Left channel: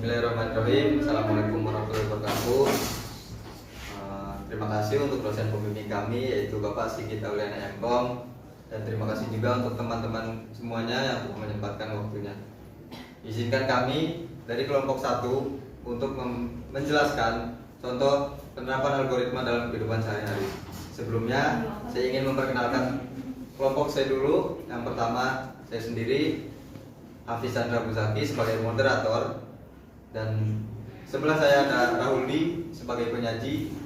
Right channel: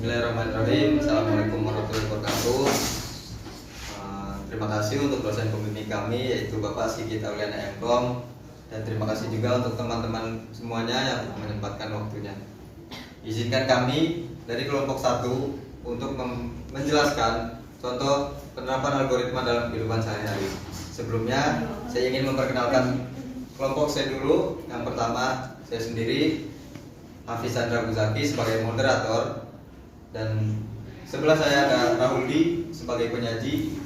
Bismillahirrahmanirrahim. Assalamualaikum warahmatullahi wabarakatuh. Terima kasih untuk dosen pembimbing kami yaitu Bapak Sigit Auliana MKom, dan terima kasih juga untuk teman-teman semuanya yang menyempatkan waktunya. Izinkan kami dari kelompok 1 untuk menjelaskan contoh penerapan algoritma dalam kehidupan sehari-hari. Sebelumnya saya ingin memperkenalkan kelompok saya dulu. Yang pertama, saya sendiri Hafiz Chandra Buzaki sebagai moderator, dan sebelah saya ada Rahuli sebagai penyaji,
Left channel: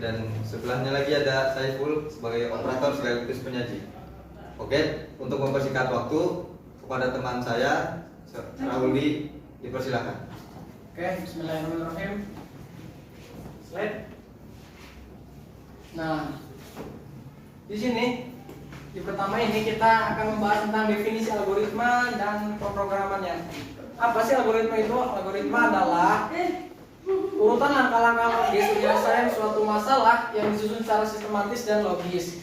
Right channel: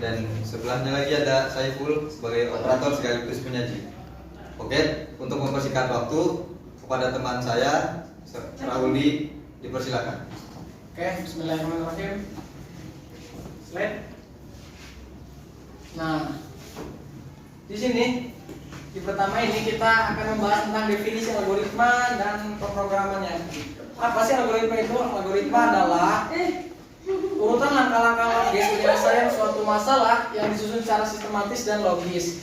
dan sebelahnya lagi ada Saiful sebagai operator sekaligus penyaji. Oke, untuk mempersingkat waktu, kepada teman saya Rahuli dipersilakan. Oke, bismillahirrahmanirrahim. Slide. Nah, di sini di pertama ini kita akan membahas tentang definisi algoritma dan pemrogramannya. Apa sih algoritma itu? Algoritma adalah urutan langkah-langkah logis penyelesaian suatu masalah yang disusun secara sistematis dan logis.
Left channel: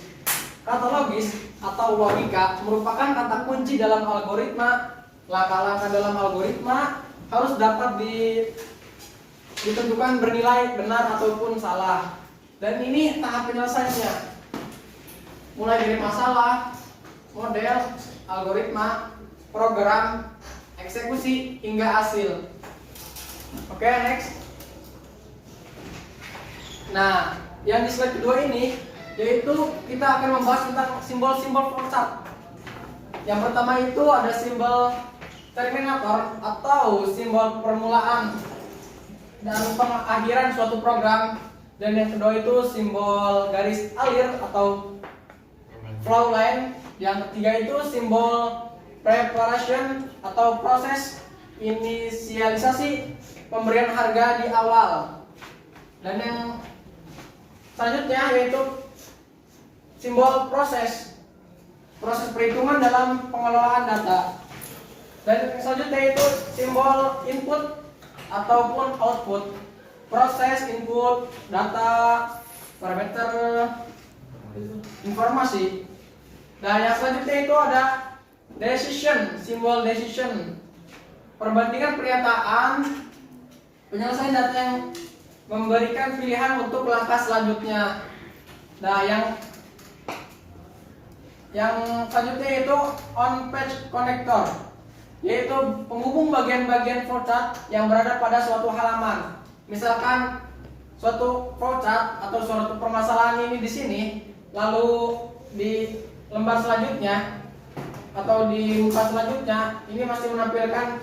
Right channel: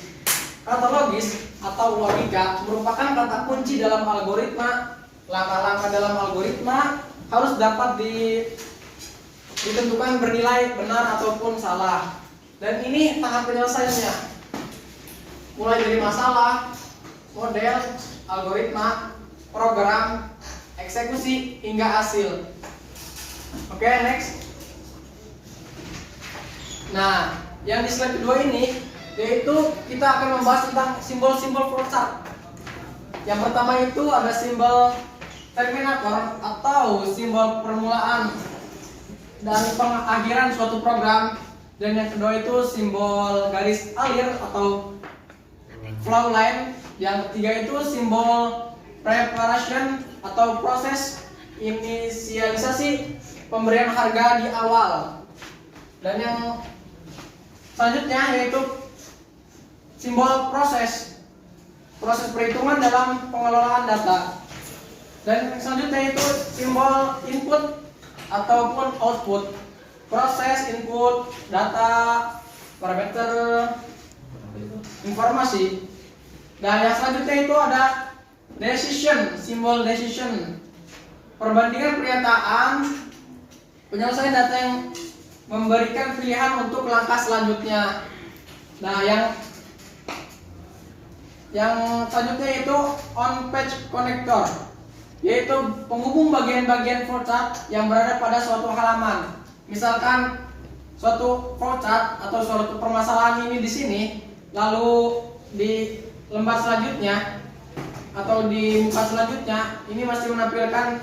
Kata logis atau logika merupakan kata kunci dalam algoritma. Langkah-langkah dalam algoritma harus dapat ditentukan bernilai benar ataupun salah. Dan ini tahap penyelesaiannya, mulai dari masalah, model, algoritma, program, eksekusi, hingga hasil. Oke, next. Nah, yang di slide kedua ini yaitu kita akan membahas tentang simbol-simbol flowchart. Yang pertama itu ada simbol terminator atau simbol permulaan dan pengakhiran suatu program, dan yang kedua itu simbol garis alir atau flow line. Yang ketiga itu simbol preparation atau proses inisialisasi pemberian harga di awal. Dan yang selanjutnya yaitu simbol proses perhitungan dalam pengelolaan data. Dan yang selanjutnya itu simbol input ataupun output, proses input data, parameter, informasi. Dan yang selanjutnya itu ada decision, simbol decision, perbandingan pernyataan, penyelesaian data yang memberikan pilihan untuk langkah selanjutnya. Nah, yang selanjutnya itu on page connector, yaitu penghubung bagian-bagian flowchart yang berada pada suatu halaman. Misalkan suatu flowchart atau suatu permasalahan ini di sini, lalu di lembar selanjutnya atau di muka selanjutnya ini masih menampilkan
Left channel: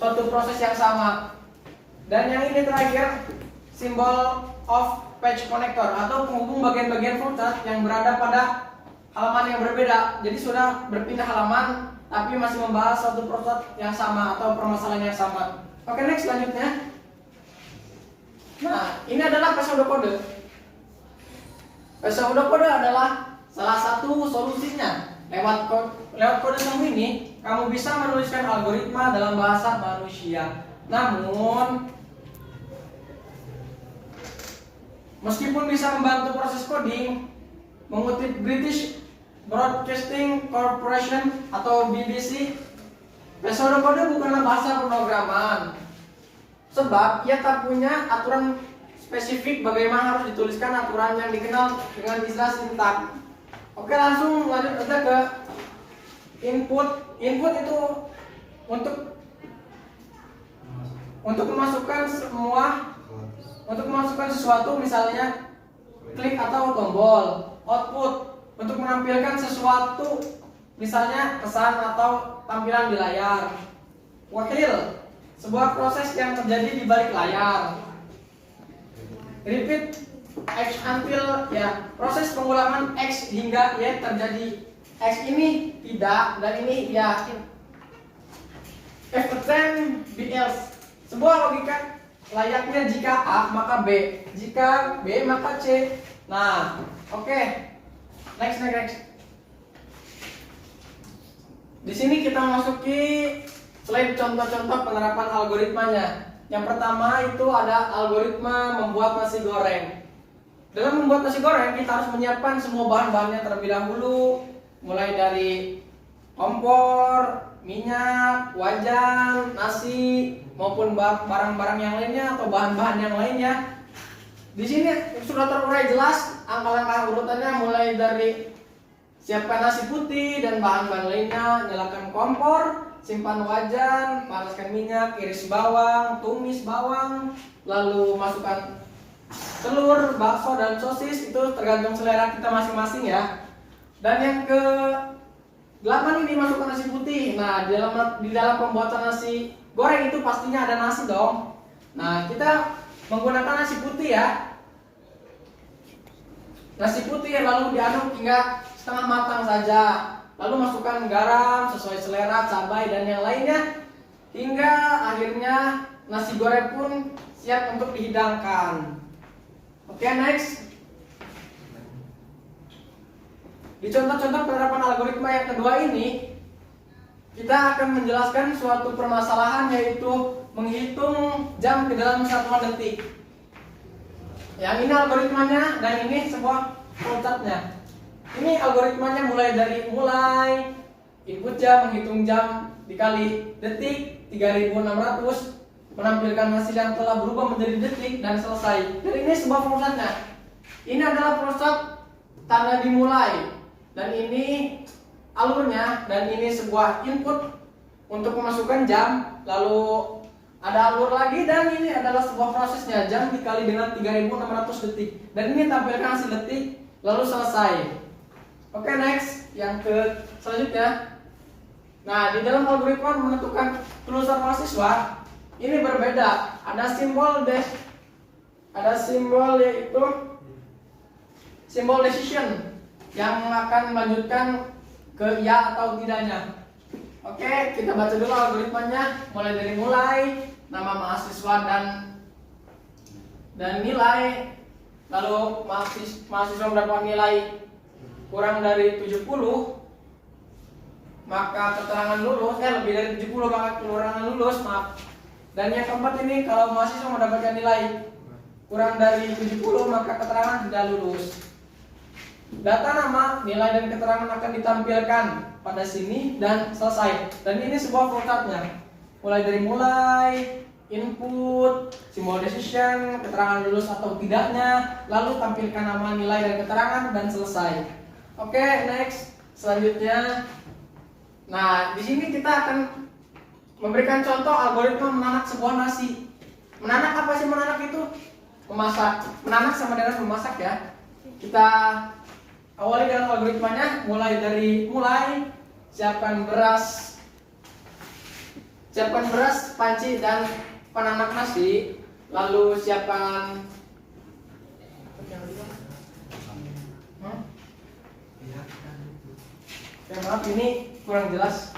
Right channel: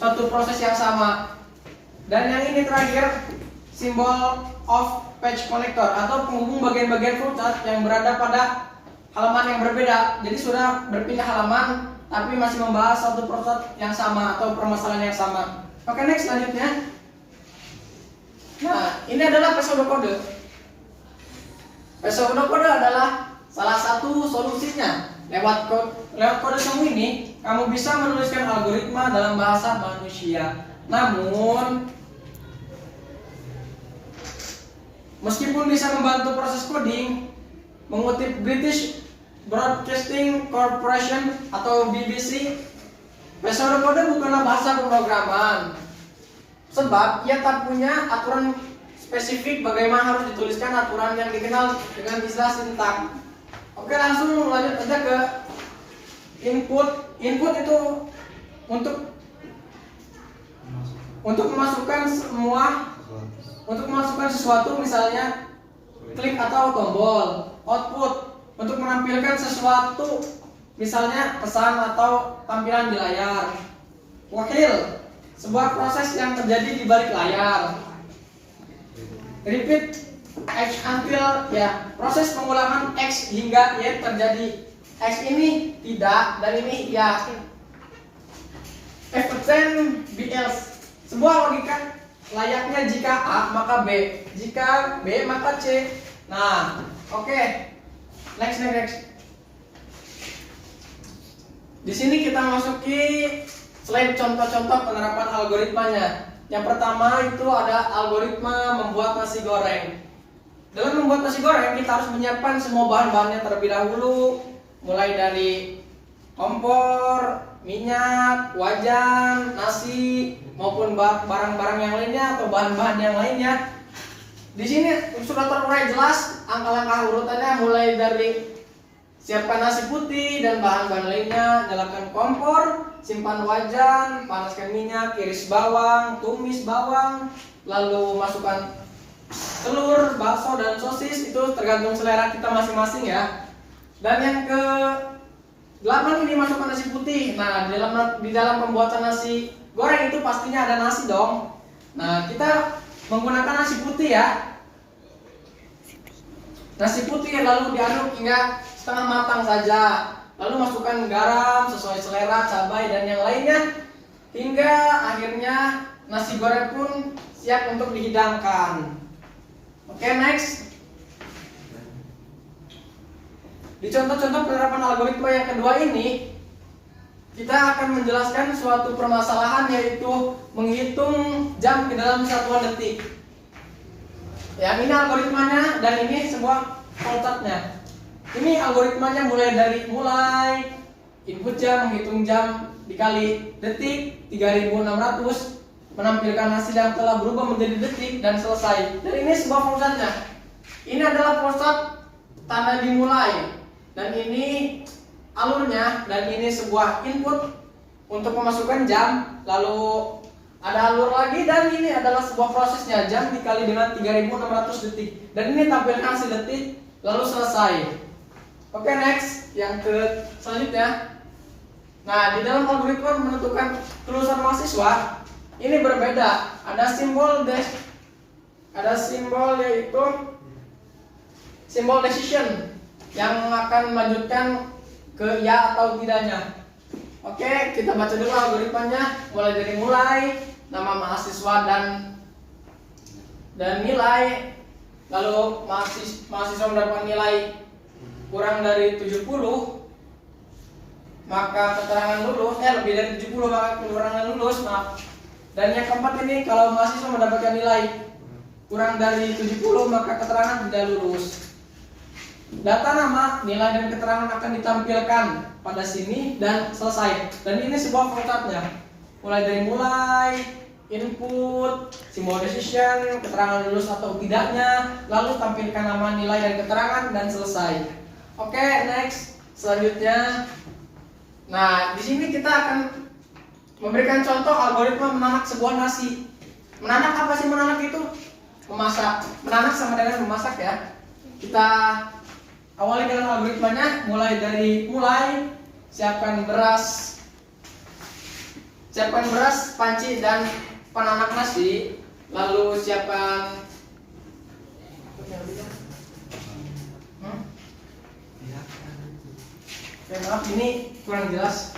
suatu proses yang sama. Dan yang ini terakhir, simbol off page connector atau penghubung bagian-bagian flowchart yang berada pada halaman yang berbeda. Jadi sudah berpindah halaman tapi masih membahas suatu proses yang sama atau permasalahan yang sama. Oke, next selanjutnya. Nah, ini adalah pseudokode. Pseudokode adalah salah satu solusinya. Lewat kode semu ini, kamu bisa menuliskan algoritma dalam bahasa manusia. Namun, meskipun bisa membantu proses coding, mengutip British Broadcasting Corporation atau BBC, pseudokode bukanlah bahasa pemrograman, sebab ia tak punya aturan spesifik bagaimana harus dituliskan aturan yang dikenal dengan istilah sintak. Oke, langsung lanjut aja ke input. Input itu untuk memasukkan sesuatu, misalnya klik atau tombol. Output untuk menampilkan sesuatu, misalnya pesan atau tampilan di layar. Wakil, sebuah proses yang terjadi di balik layar. Repeat X until, ya, proses pengulangan X hingga Y terjadi. X ini tidak dan ini ya. If then B else, sebuah logika layaknya jika A maka B, jika B maka C. Nah, oke. Next. Di sini kita masuki slide contoh-contoh penerapan algoritmanya. Yang pertama itu ada algoritma membuat nasi goreng. Dalam membuat nasi goreng kita harus menyiapkan semua bahan-bahannya terlebih dahulu, mulai dari kompor, minyak, wajan, nasi maupun barang-barang yang lainnya atau bahan-bahan yang lainnya. Di sini sudah terurai jelas angka-angka urutannya, mulai dari siapkan nasi putih dan bahan-bahan lainnya, nyalakan kompor, simpan wajan, panaskan minyak, iris bawang, tumis bawang, lalu masukkan telur, bakso dan sosis. Itu tergantung selera kita masing-masing ya. Dan yang ke 8 ini masukkan nasi putih. Nah, di dalam pembuatan nasi goreng itu pastinya ada nasi dong. Nah, kita menggunakan nasi putih ya. Nasi putih lalu diaduk hingga setengah matang saja. Lalu masukkan garam sesuai selera, cabai dan yang lainnya, hingga akhirnya nasi goreng pun siap untuk dihidangkan. Oke, next. Di contoh-contoh penerapan algoritma yang kedua ini, kita akan menjelaskan suatu permasalahan, yaitu menghitung jam ke dalam satuan detik. Yang ini algoritmanya dan ini sebuah flowchartnya. Ini algoritmanya mulai input jam, menghitung jam dikali detik 3600, menampilkan hasil yang telah berubah menjadi detik dan selesai. Dan ini sebuah flowchartnya. Ini adalah flowchart tanda dimulai. Dan ini alurnya, dan ini sebuah input untuk memasukkan jam, lalu ada alur lagi, dan ini adalah sebuah prosesnya, jam dikali dengan 3600 detik. Dan ini tampilkan hasil detik, lalu selesai. Oke, next, yang ke selanjutnya. Nah, di dalam algoritma menentukan kelulusan mahasiswa ini berbeda. Ada simbol yaitu simbol decision yang akan melanjutkan ke ya atau tidaknya. Oke, kita baca dulu algoritmanya, mulai dari nama mahasiswa dan nilai. Lalu mahasiswa mendapatkan nilai kurang dari 70, maka keterangan lulus, lebih dari 70 maka keterangan lulus, maaf. Dan yang keempat ini, kalau mahasiswa mendapatkan nilai kurang dari 70 maka keterangan tidak lulus. Data nama, nilai dan keterangan akan ditampilkan pada sini dan selesai. Dan ini sebuah flowchartnya. Mulai input, simbol decision, keterangan lulus atau tidaknya, lalu tampilkan nama, nilai dan keterangan dan selesai. Oke, next. Selanjutnya, nah di sini kita akan memberikan contoh algoritma menanak sebuah nasi. Menanak apa sih menanak itu? Memasak. Menanak sama dengan memasak ya. Kita awali dengan algoritmanya, mulai siapkan beras, panci dan penanak nasi, lalu siapkan maaf ini kurang jelas.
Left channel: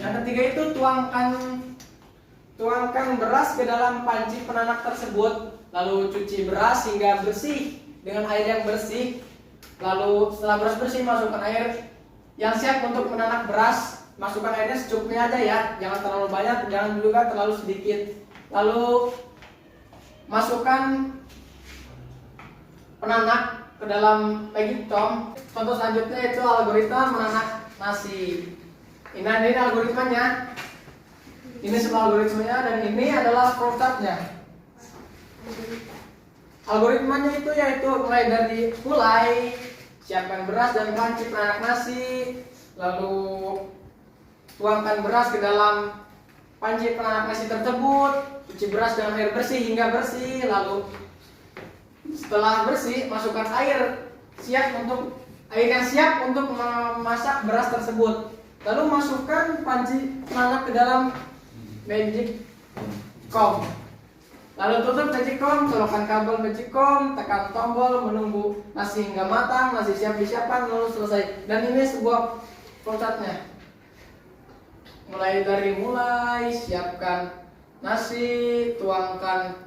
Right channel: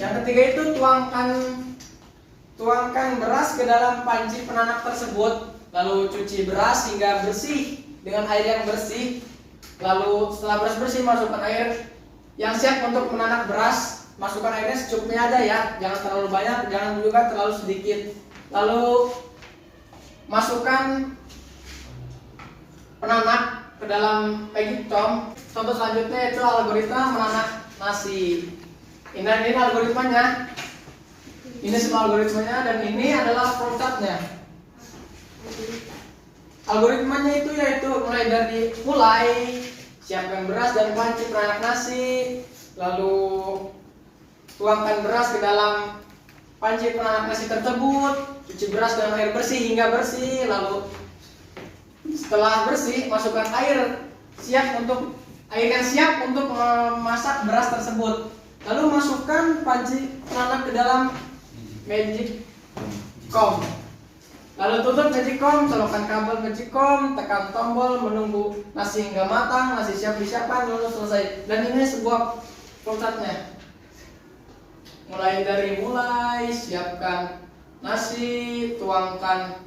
Yang ketiga itu tuangkan beras ke dalam panci penanak tersebut, lalu cuci beras hingga bersih dengan air yang bersih. Lalu setelah beras bersih, masukkan air yang siap untuk menanak beras. Masukkan airnya secukupnya aja ya, jangan terlalu banyak, jangan juga terlalu sedikit. Lalu masukkan penanak ke dalam packing tom. Contoh selanjutnya itu algoritma menanak nasi. Ini algoritmanya. Ini semua algoritmanya, dan ini adalah flowchartnya. Algoritmanya itu yaitu mulai siapkan beras dan panci penanak nasi, lalu tuangkan beras ke dalam panci penanak nasi tersebut, cuci beras dengan air bersih hingga bersih, lalu setelah bersih masukkan air yang siap untuk memasak beras tersebut. Lalu masukkan panci penanak ke dalam magic comb. Lalu tutup magic comb, colokkan kabel magic comb, tekan tombol, menunggu nasi hingga matang, nasi siap disiapkan, lalu selesai. Dan ini sebuah flowchartnya. Mulai siapkan nasi, tuangkan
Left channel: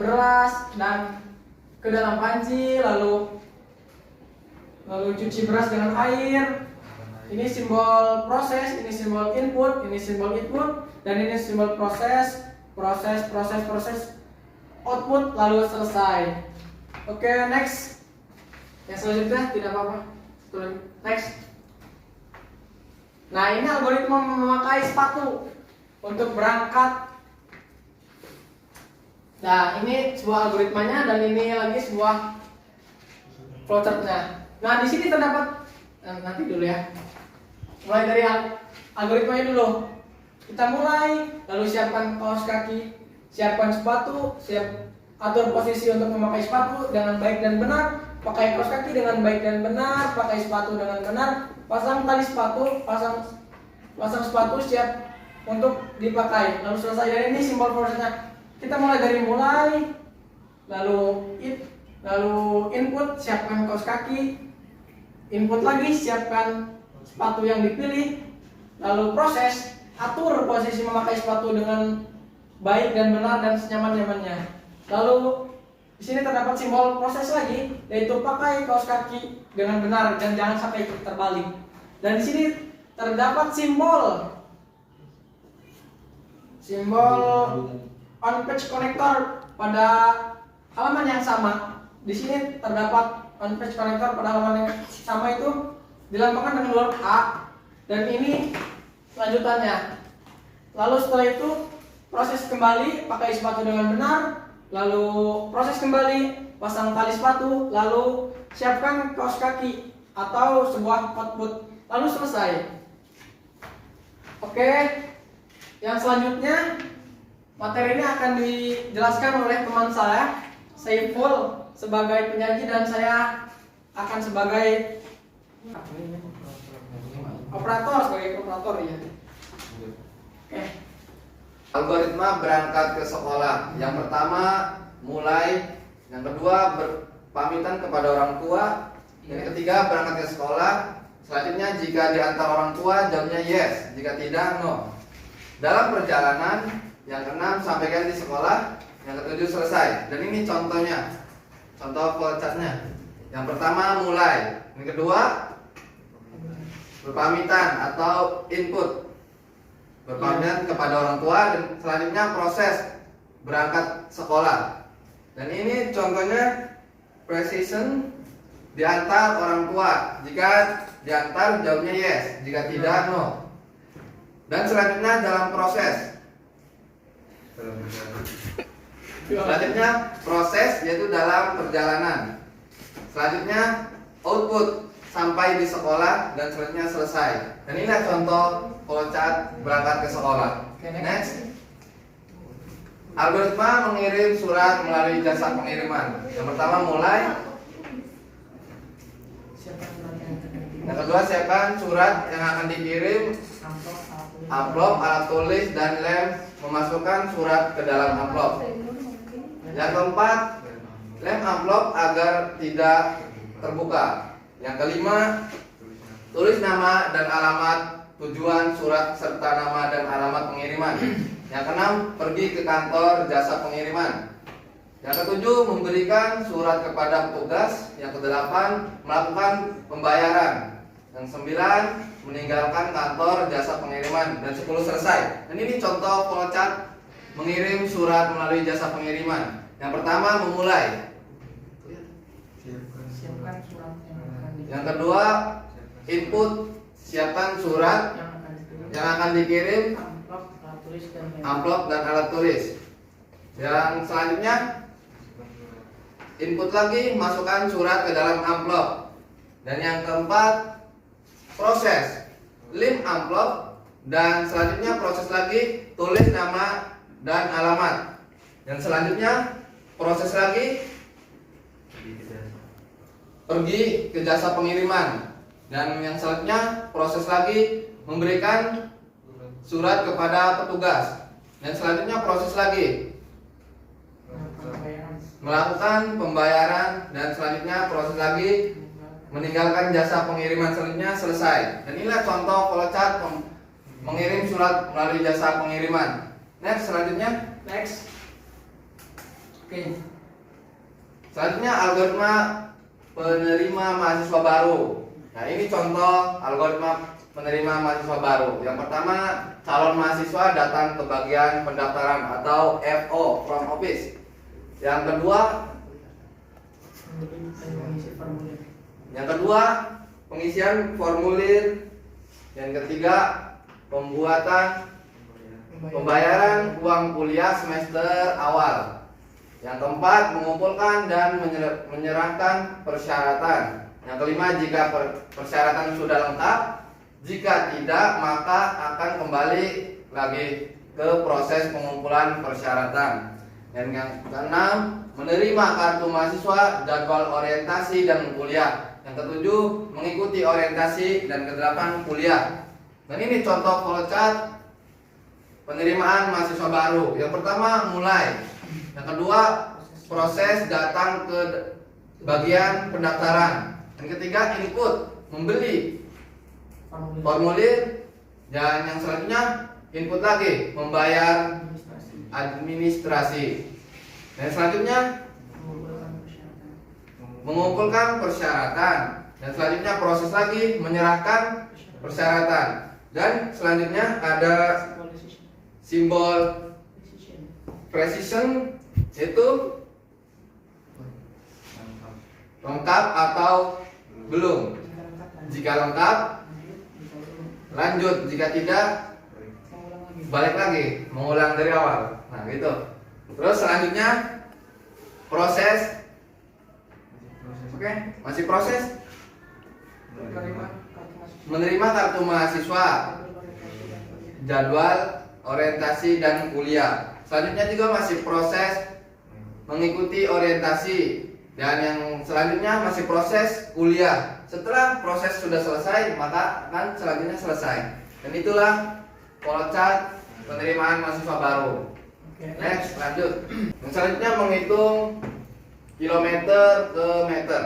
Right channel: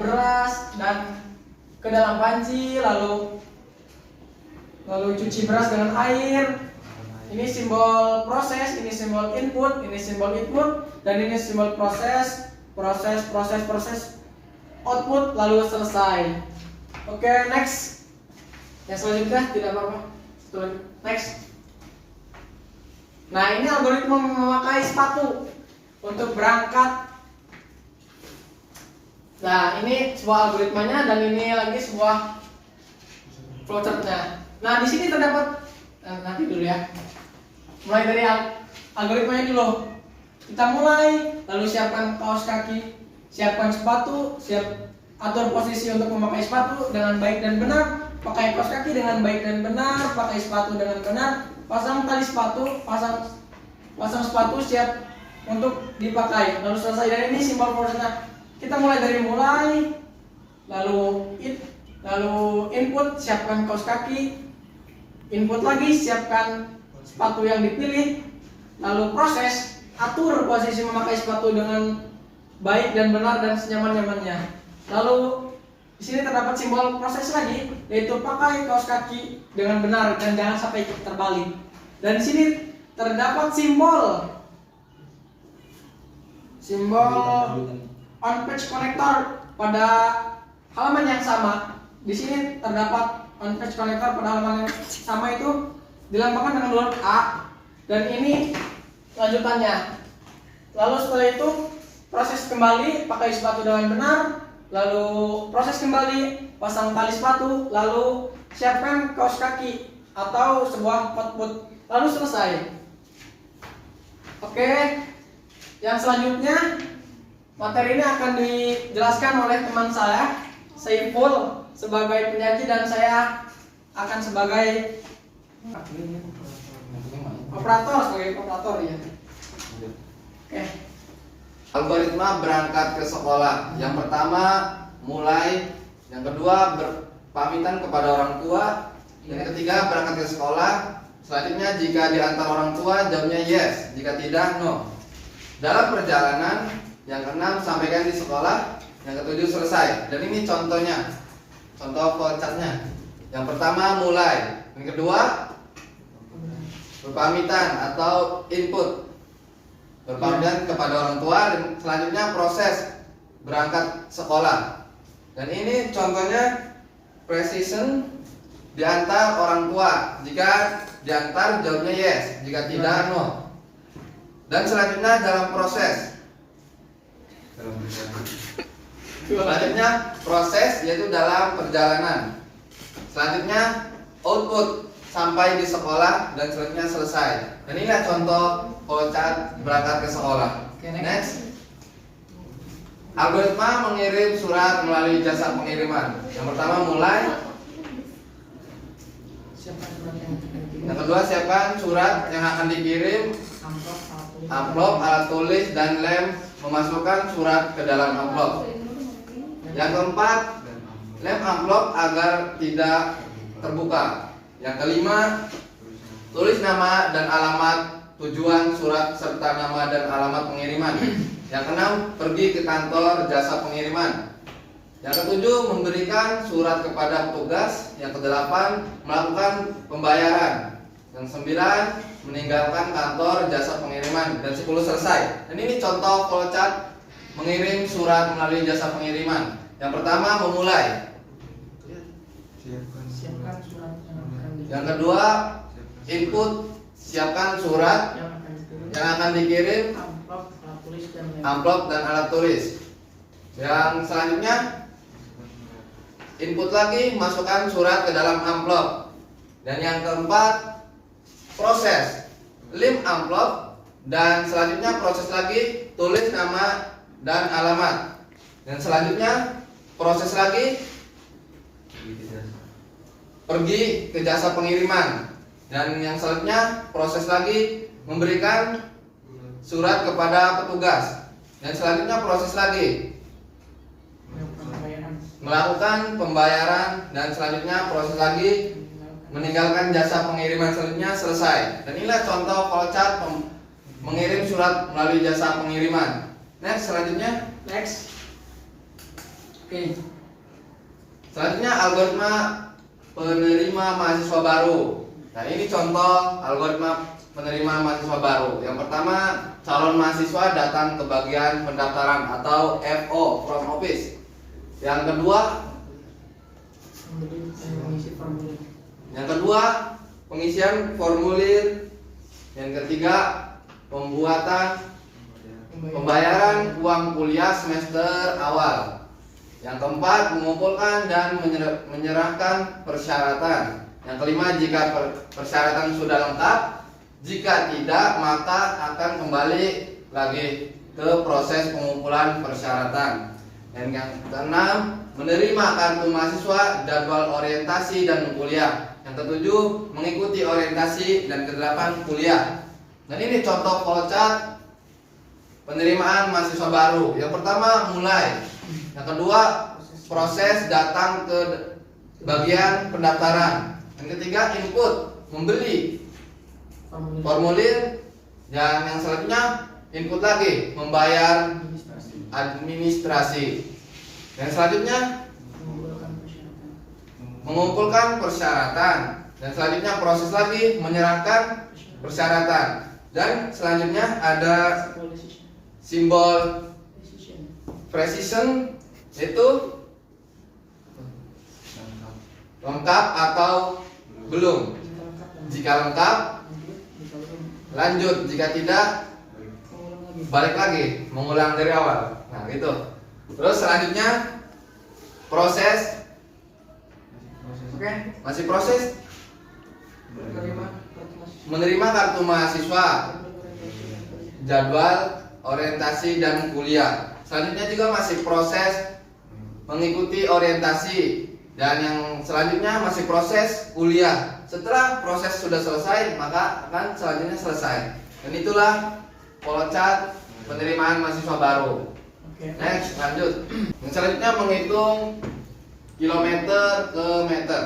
beras dan ke dalam panci, lalu cuci beras dengan air. Ini simbol proses, ini simbol input, ini simbol input, dan ini simbol proses. output lalu selesai. Oke, next. Yang selanjutnya tidak apa-apa. Satu lagi. Next. Nah, ini algoritma memakai sepatu untuk berangkat. Nah, ini sebuah algoritmanya dan ini lagi sebuah flowchartnya. Nah, di sini terdapat nanti dulu ya. Mulai dari algoritmanya dulu. Kita mulai, lalu siapkan kaos kaki, siapkan sepatu, atur posisi untuk memakai sepatu dengan baik dan benar, pakai kaos kaki dengan baik dan benar, pakai sepatu dengan benar, pasang tali sepatu, pasang sepatu siap untuk dipakai. Lalu selesai. Dan ini simbol prosesnya. Kita mulai dari lalu input, siapkan kaos kaki, input lagi, siapkan sepatu yang dipilih, lalu proses, atur posisi memakai sepatu dengan baik dan benar dan senyaman-nyamannya. Lalu di sini terdapat simbol proses lagi, yaitu pakai kaos kaki dengan benar dan jangan sampai terbalik. Dan di sini terdapat simbol on page connector pada halaman yang sama. Di sini terdapat on page connector pada halaman yang sama itu dilambangkan dengan huruf A, dan ini lanjutannya. Lalu setelah itu proses kembali, pakai sepatu dengan benar, lalu proses kembali, pasang tali sepatu, lalu siapkan kaos kaki atau sebuah output, lalu selesai. Oke, yang selanjutnya materi ini akan dijelaskan oleh teman saya, Saiful, sebagai penyaji dan saya akan sebagai operator ya. Oke. Algoritma berangkat ke sekolah. Yang pertama mulai, yang kedua berpamitan kepada orang tua, yang ketiga berangkat ke sekolah. Selanjutnya jika diantar orang tua jawabnya yes, jika tidak no. Dalam perjalanan, yang keenam sampaikan di sekolah, yang ketujuh selesai. Dan ini contohnya, contoh flowchartnya. Yang pertama mulai, yang kedua berpamitan atau input, berpamitan kepada orang tua, dan selanjutnya proses berangkat sekolah. Dan ini contohnya precision diantar orang tua. Jika diantar jawabnya yes, jika tidak no. Dan selanjutnya dalam proses. Selanjutnya proses yaitu dalam perjalanan. Selanjutnya output sampai di sekolah, dan selanjutnya selesai. Dan inilah contoh flowchart berangkat ke sekolah. Next. Algoritma mengirim surat melalui jasa pengiriman. Yang pertama mulai. Yang kedua siapkan surat yang akan dikirim, amplop, alat tulis, dan lem memasukkan surat ke dalam amplop. Yang keempat, lem amplop agar tidak terbuka. Yang kelima, tulis nama dan alamat tujuan surat serta nama dan alamat pengiriman. Yang keenam, pergi ke kantor jasa pengiriman. Yang ketujuh, memberikan surat kepada petugas. Yang kedelapan, melakukan pembayaran. Dan 9, meninggalkan kantor jasa pengiriman. Dan 10 selesai. Dan ini contoh flowchart mengirim surat melalui jasa pengiriman. Yang pertama memulai. Yang kedua input, siapkan surat yang akan dikirim, amplop dan alat tulis. Yang selanjutnya input lagi, masukkan surat ke dalam amplop. Dan yang keempat proses, lem amplop, dan selanjutnya proses lagi, tulis nama dan alamat. Dan selanjutnya proses lagi, pergi ke jasa pengiriman. Dan yang selanjutnya proses lagi, memberikan surat kepada petugas. Dan selanjutnya proses lagi, melakukan pembayaran. Dan selanjutnya proses lagi, meninggalkan jasa pengiriman. Selanjutnya selesai. Dan inilah contoh flowchart mengirim surat melalui jasa pengiriman. Next, selanjutnya. Next. Oke. Selanjutnya algoritma penerima mahasiswa baru. Nah, ini contoh algoritma penerima mahasiswa baru. Yang pertama, calon mahasiswa datang ke bagian pendaftaran atau FO, from office. Yang kedua, pengisian formulir. Yang ketiga, pembayaran uang kuliah semester awal. Yang keempat, mengumpulkan dan menyerahkan persyaratan. Yang kelima, jika persyaratan sudah lengkap. Jika tidak, maka akan kembali lagi ke proses pengumpulan persyaratan. Dan yang keenam, menerima kartu mahasiswa, jadwal orientasi dan kuliah. Yang ketujuh, mengikuti orientasi, dan kedelapan, kuliah. Dan ini contoh flowchart penerimaan mahasiswa baru. Yang pertama, mulai. Yang kedua, proses datang ke bagian pendaftaran. Yang ketiga, input, membeli formulir. Dan yang selanjutnya, input lagi, membayar administrasi. Dan selanjutnya, mengumpulkan persyaratan. Dan selanjutnya, proses lagi, menyerahkan persyaratan. Dan selanjutnya ada simbol precision, itu lengkap atau belum. Jika lengkap, lanjut. Jika tidak, balik lagi, mengulang dari awal. Nah, gitu. Terus selanjutnya proses. Oke, masih proses menerima kartu mahasiswa, jadwal orientasi dan kuliah. Selanjutnya juga masih proses mengikuti orientasi. Dan yang selanjutnya masih proses kuliah. Setelah proses sudah selesai, maka akan selanjutnya selesai. Dan itulah flowchart penerimaan mahasiswa baru. Next, lanjut. Yang selanjutnya menghitung kilometer ke meter.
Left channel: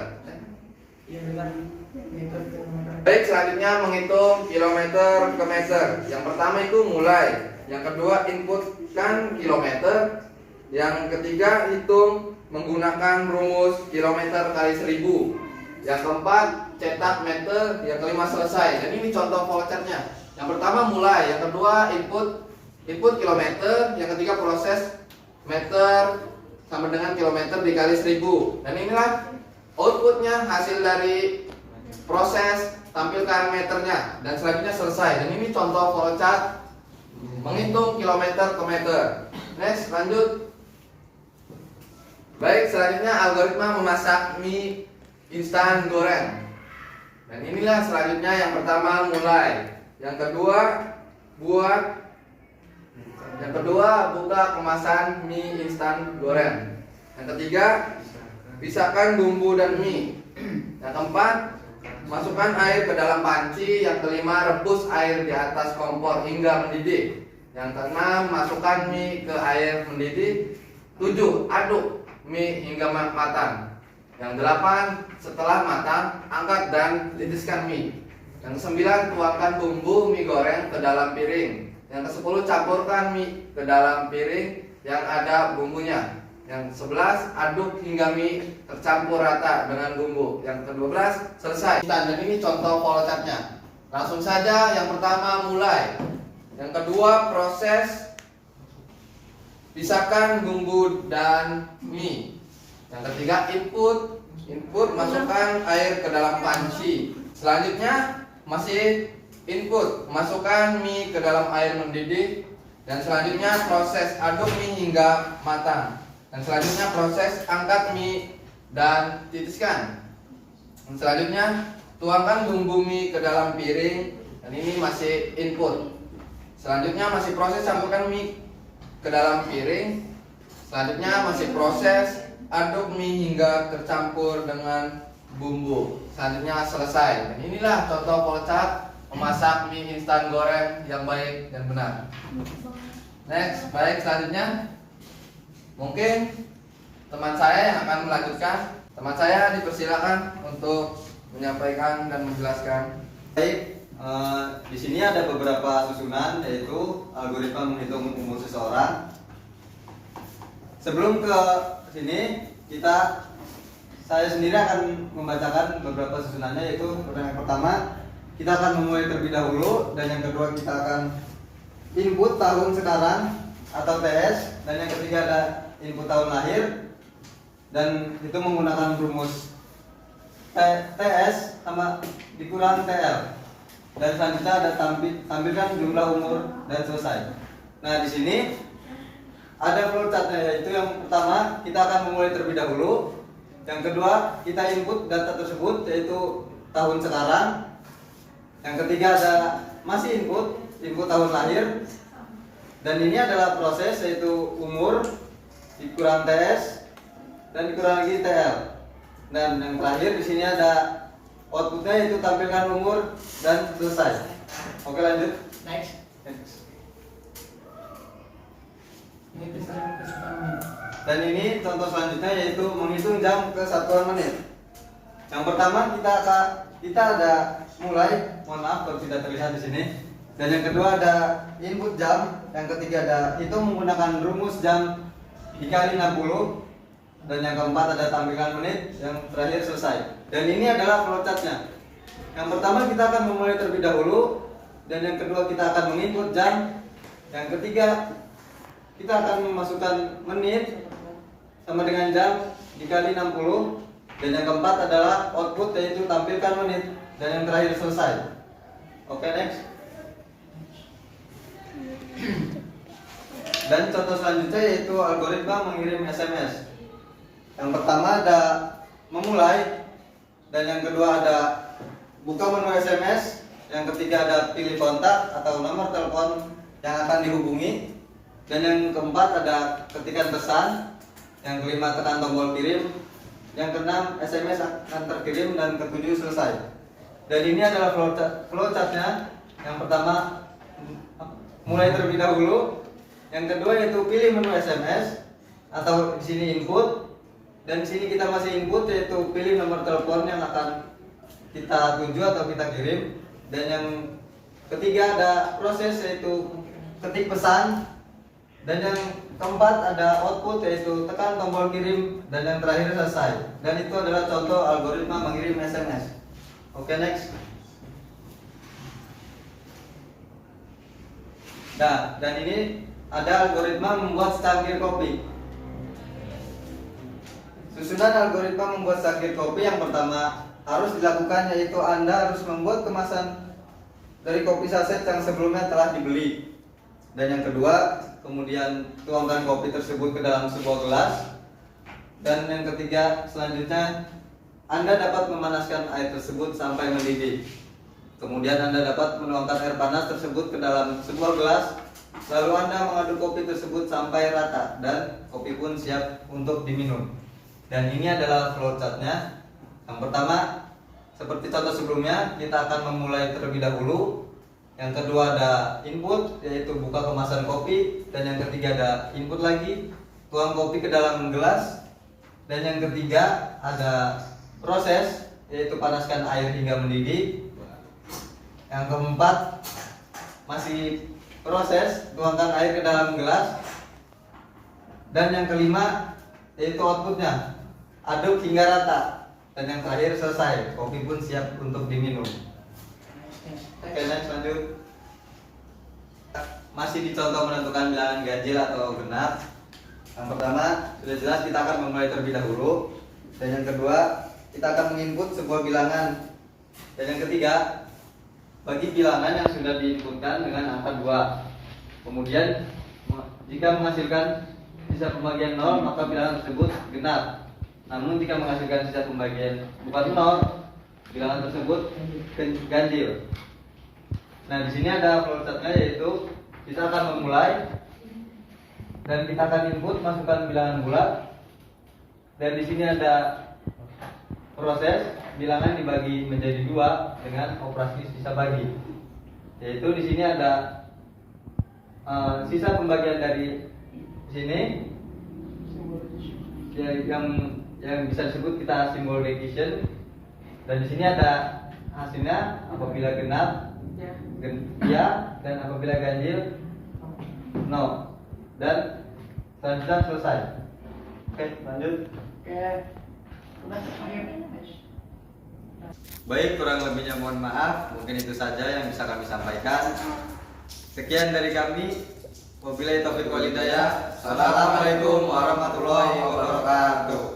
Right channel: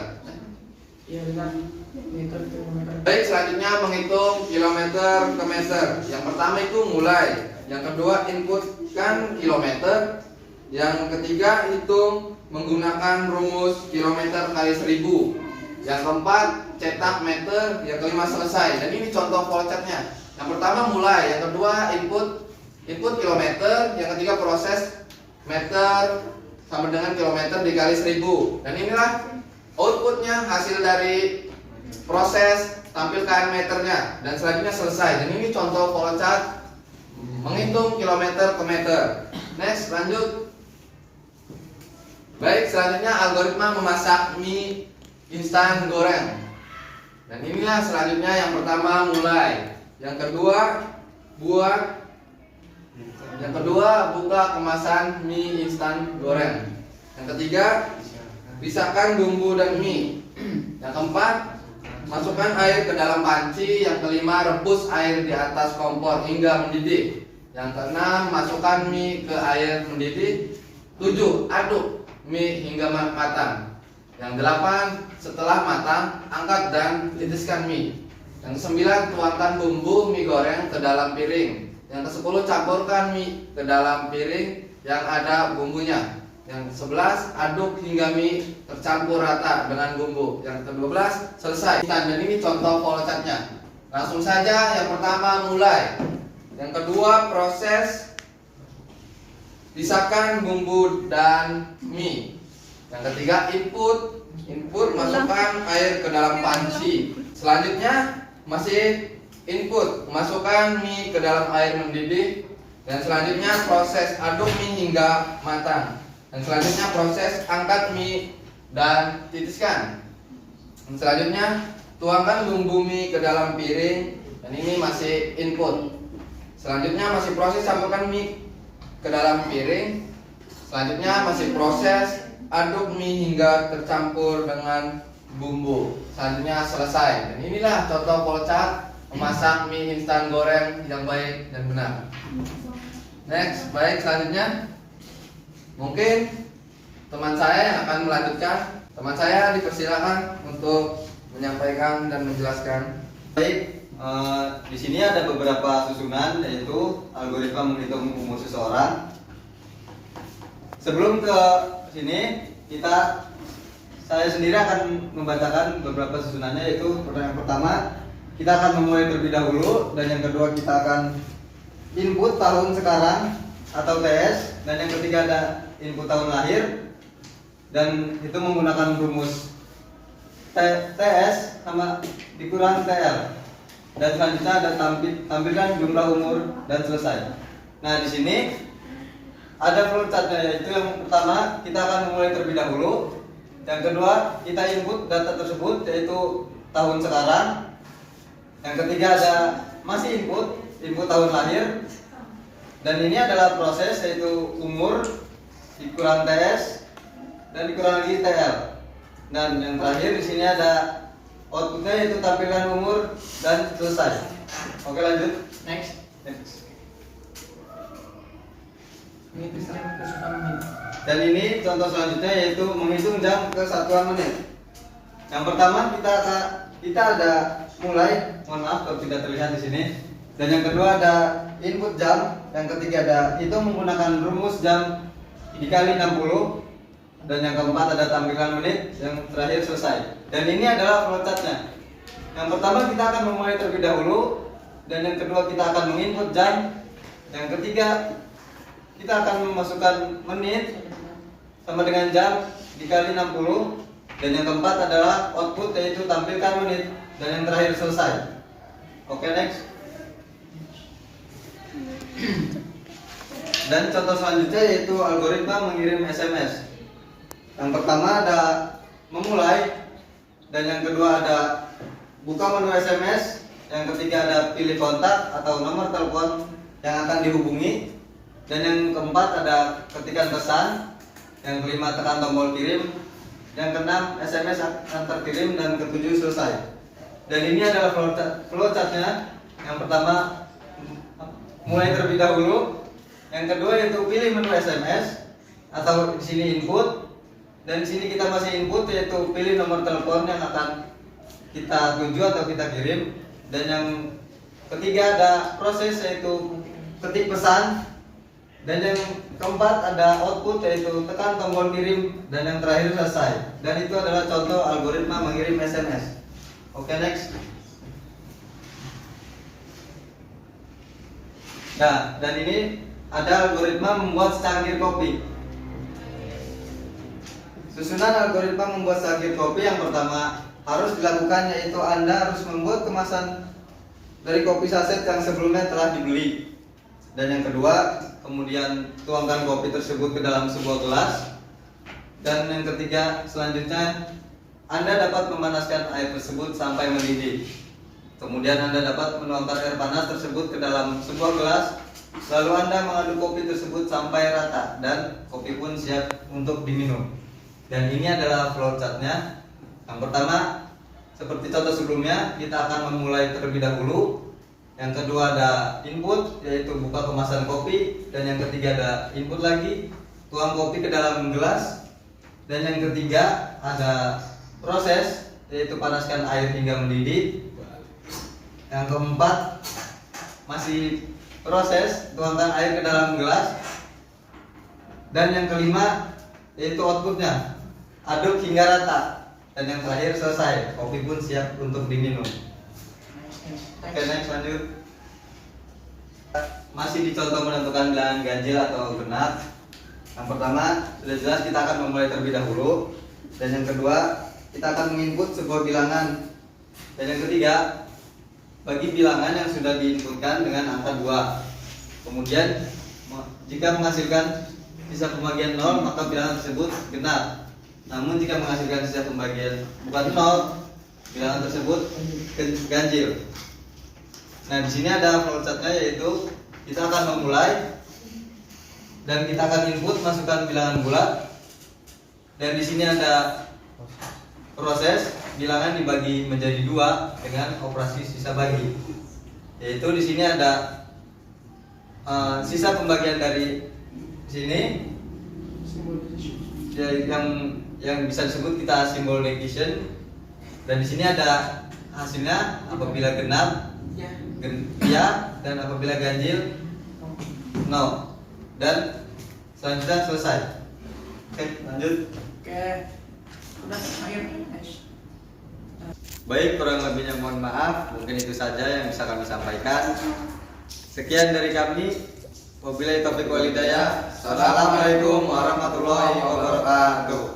Baik, selanjutnya menghitung kilometer ke meter. Yang pertama itu mulai. Yang kedua, inputkan kilometer. Yang ketiga, hitung menggunakan rumus kilometer kali 1000. Yang keempat, cetak meter. Yang kelima, selesai. Dan ini contoh flowchartnya. Yang pertama mulai. Yang kedua, input kilometer. Yang ketiga, proses meter sama dengan kilometer dikali 1000. Dan inilah outputnya, hasil dari proses, tampilkan meternya. Dan selanjutnya selesai. Dan ini contoh flowchart menghitung kilometer ke meter. Next, lanjut. Baik, selanjutnya algoritma memasak mie instan goreng. Dan inilah selanjutnya, yang pertama mulai. Yang kedua, buka kemasan mie instan goreng. Yang ketiga, pisahkan bumbu dan mie. Yang keempat, masukkan air ke dalam panci. Yang kelima, rebus air di atas kompor hingga mendidih. Yang keenam, masukkan mie ke air mendidih. 7, aduk mie hingga matang. Yang 8, setelah matang, angkat dan titiskan mie. Yang 9, tuangkan bumbu mie goreng ke dalam piring. Yang ke-10, campurkan mie ke dalam piring yang ada bumbunya. Yang 11, aduk hingga mie tercampur rata dengan bumbu. Yang ke-12, selesai. Dan ini contoh flowchartnya. Langsung saja, yang pertama mulai. Yang kedua, proses pisahkan bumbu dan mie. Yang ketiga, input masukkan air ke dalam panci. Selanjutnya masih input, masukkan mie ke dalam air mendidih. Dan selanjutnya proses aduk mie hingga matang. Dan selanjutnya proses angkat mie dan titiskan. Dan selanjutnya tuangkan bumbu mie ke dalam piring. Dan ini masih input. Selanjutnya masih proses campurkan mie ke dalam piring. Selanjutnya masih proses aduk mie hingga tercampur dengan bumbu. Selanjutnya selesai. Dan inilah contoh flowchart memasak mie instan goreng yang baik dan benar. Next, baik, selanjutnya mungkin teman saya yang akan melanjutkan. Teman saya dipersilakan untuk menyampaikan dan menjelaskan. Baik, di sini ada beberapa susunan, yaitu algoritma menghitung umur seseorang. Sebelum ke sini, saya sendiri akan membacakan beberapa susunannya, yaitu yang pertama kita akan memulai terlebih dahulu, dan yang kedua kita akan input tahun sekarang atau TS, dan yang ketiga ada input tahun lahir, dan itu menggunakan rumus TS sama dikurang TL. Dan selanjutnya ada tampilkan jumlah umur dan selesai. Nah, di sini ada flowchartnya, yaitu yang pertama kita akan memulai terlebih dahulu. Yang kedua kita input data tersebut yaitu tahun sekarang. Yang ketiga ada masih input tahun lahir. Dan ini adalah proses yaitu umur dikurang TS dan dikurang lagi TL. Dan yang terakhir di sini ada outputnya yaitu tampilkan umur dan selesai. Oke, lanjut. Next. Next. Ini tulisannya kesukaan menit. Dan ini contoh selanjutnya yaitu menghitung jam ke satuan menit. Yang pertama kita ada mulai, mohon maaf kalau tidak terlihat di sini. Dan yang kedua ada input jam, yang ketiga ada itu menggunakan rumus jam dikali 60. Dan yang keempat ada tampilan menit, yang terakhir selesai. Dan ini adalah flowchartnya. Yang pertama kita akan memulai terlebih dahulu, dan yang kedua kita akan menginput jam, yang ketiga kita akan memasukkan menit sama dengan jam dikali 60, dan yang keempat adalah output yaitu tampilkan menit, dan yang terakhir selesai. Oke, next. Dan contoh selanjutnya yaitu algoritma mengirim SMS. Yang pertama ada memulai, dan yang kedua ada buka menu SMS, yang ketiga ada pilih kontak atau nomor telepon yang akan dihubungi, dan yang keempat ada ketikkan pesan, yang kelima tekan tombol kirim, yang keenam SMS akan terkirim, dan ketujuh selesai. Dan ini adalah flowchartnya. Yang pertama mulai terlebih dahulu, yang kedua yaitu pilih menu SMS atau di sini input. Dan di sini kita masih input yaitu pilih nomor telepon yang akan kita tuju atau kita kirim. Dan yang ketiga ada proses yaitu ketik pesan. Dan yang keempat ada output yaitu tekan tombol kirim, dan yang terakhir selesai. Dan itu adalah contoh algoritma mengirim SMS. Oke, next. Nah, dan ini ada algoritma membuat secangkir kopi. Susunan algoritma membuat secangkir kopi yang pertama harus dilakukan yaitu Anda harus membuat kemasan dari kopi saset yang sebelumnya telah dibeli. Dan yang kedua, kemudian tuangkan kopi tersebut ke dalam sebuah gelas. Dan yang ketiga, selanjutnya Anda dapat memanaskan air tersebut sampai mendidih. Kemudian Anda dapat menuangkan air panas tersebut ke dalam sebuah gelas. Lalu Anda mengaduk kopi tersebut sampai rata dan kopi pun siap untuk diminum. Dan ini adalah flowchartnya. Yang pertama, seperti contoh sebelumnya, kita akan memulai terlebih dahulu. Yang kedua ada input, yaitu buka kemasan kopi. Dan yang ketiga ada input lagi, tuang kopi ke dalam gelas. Dan yang ketiga ada proses, yaitu panaskan air hingga mendidih. Yang keempat masih proses, tuangkan air ke dalam gelas. Dan yang kelima yaitu outputnya, aduk hingga rata. Dan yang terakhir selesai, kopi pun siap untuk diminum. Oke, next, lanjut. Masih dicontoh menentukan bilangan ganjil atau genap. Yang pertama sudah jelas kita akan memulai terlebih dahulu. Dan yang kedua kita akan menginput sebuah bilangan. Dan yang ketiga bagi bilangan yang sudah diinputkan dengan angka 2. Kemudian jika menghasilkan sisa pembagian 0 maka bilangan tersebut genap. Namun jika menghasilkan sisa pembagian bukan 0, bilangan tersebut ganjil. Nah, di sini ada flowchartnya yaitu kita akan memulai dan kita akan input masukkan bilangan bulat. Dan di sini ada proses bilangan dibagi menjadi 2 dengan operasi sisa bagi. Yaitu di sini ada sisa pembagian dari sini ya, yang bisa disebut kita simbol division. Dan di sini ada hasilnya apabila genap ya, dan apabila ganjil no. Dan selanjutnya selesai. Oke, lanjut. Oke. Udah akhir. Baik, kurang lebihnya mohon maaf. Mungkin itu saja yang bisa kami sampaikan. Sekian dari kami. Wabillahi taufiq wal hidayah. Assalamualaikum warahmatullahi wabarakatuh.